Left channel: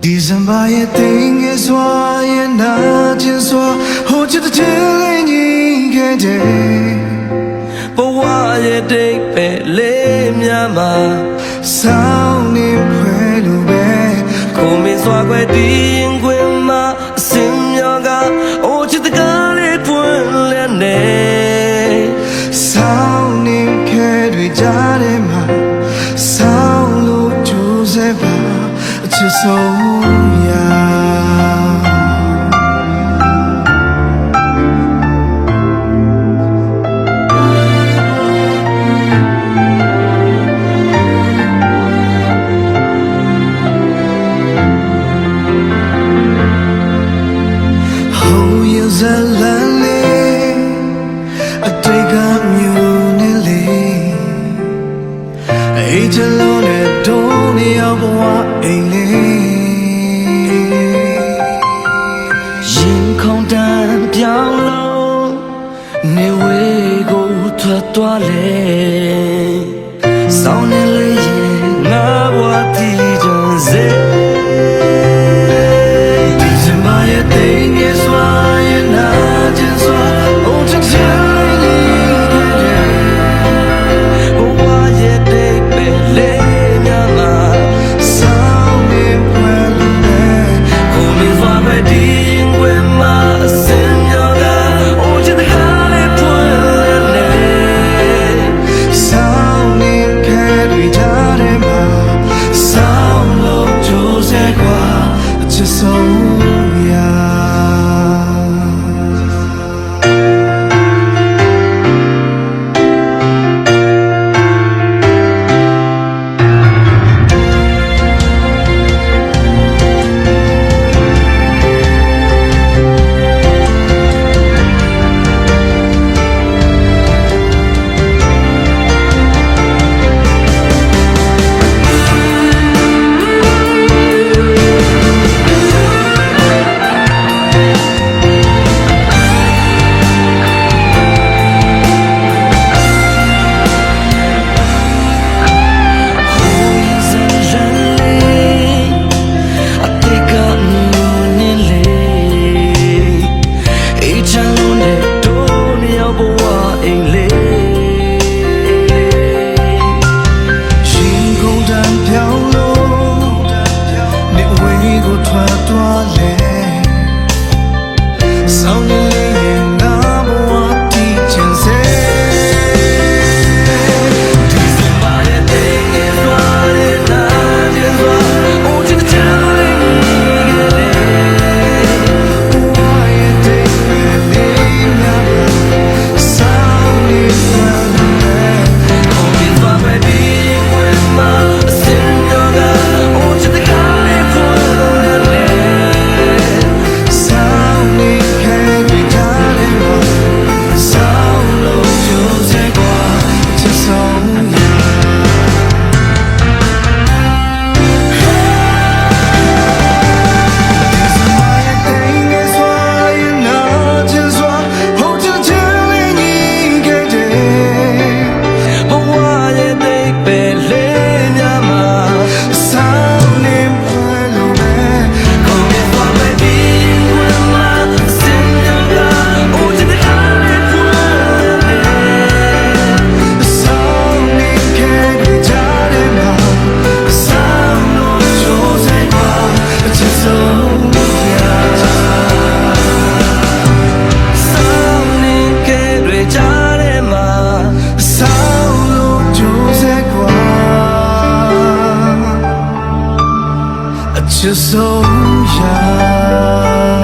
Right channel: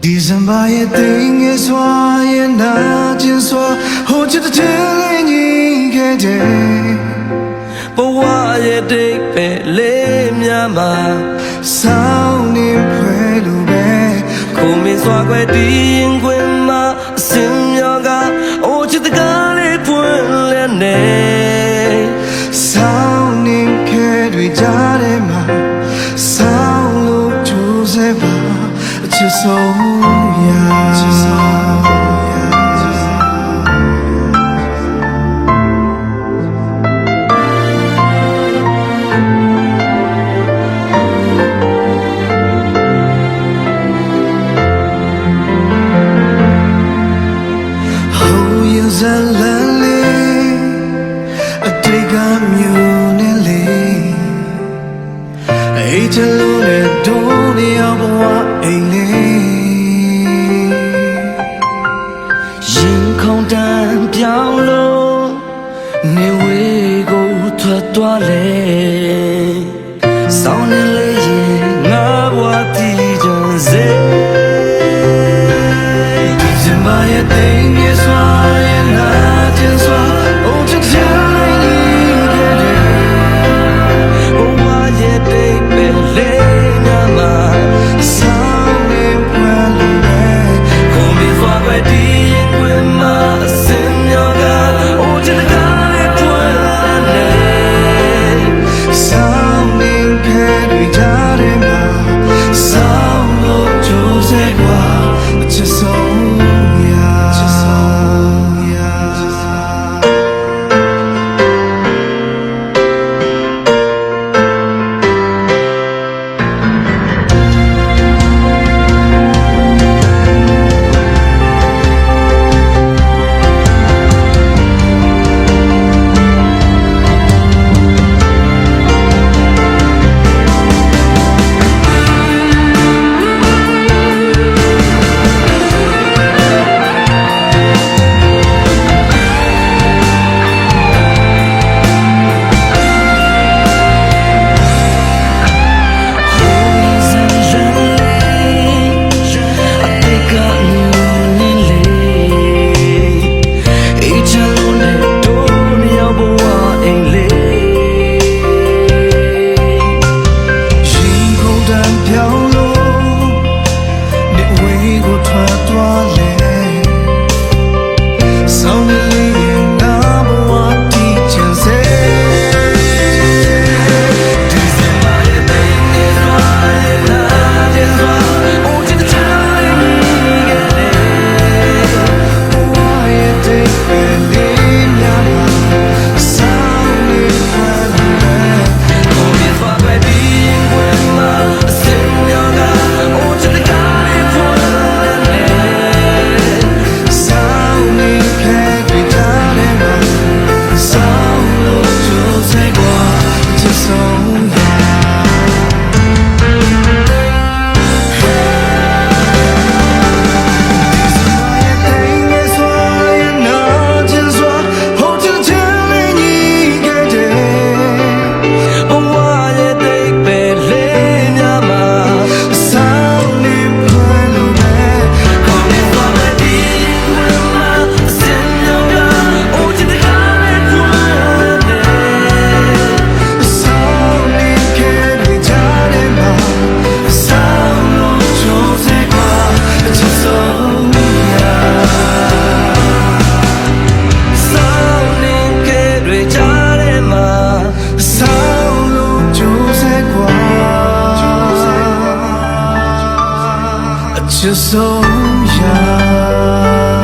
December 也定也说也那件说，后记得这里你给的，不话也得被累面嘛。少年会路呗，苦命耍怪定规嘛，心要个，我记得咖喱本脸呢。少年开对家的嘛，少路就是吧，接受呀。ဇလန်လေးအတိတ်ကမျိုးနဲ့လေးအိတ်ချလုံးနဲ့ဒုံးနေအောင်ဘဝအိမ်လေးရင်ခုန်တန်ပြောင်းလို့နေဝေးကိုထွက်သွားလေစောင်းနေလေးရင်ငါဘဝတည်ကြစေDecember 也定也说也那件说，哦，这天里你给的，不话也得被累呀嘛，少年快乐呗，后面耍怪的因为嘛，心要个，哦，这个咖喱喷了呢，少年开对家的嘛，少路就在过。接受呀。ထွက်သွားလေဆောင်းနေလေးရဲ့ငါဘဝတည်ချင်စေ December ရဲ့တင်နေစွာရဲ့နာကျင်စွာအိုချစ်တဲ့ချစ်လေးကြီးကလေးဘဝရဲ့တိတ်ပဲလေးများမှာဆောင်းနေခွဲလို့ပဲကိုမြင်သွားပဲဒီရင်ခွဲမှာအစင်ရောကအိုချစ်တဲ့ကားလေးဖွင့်just so young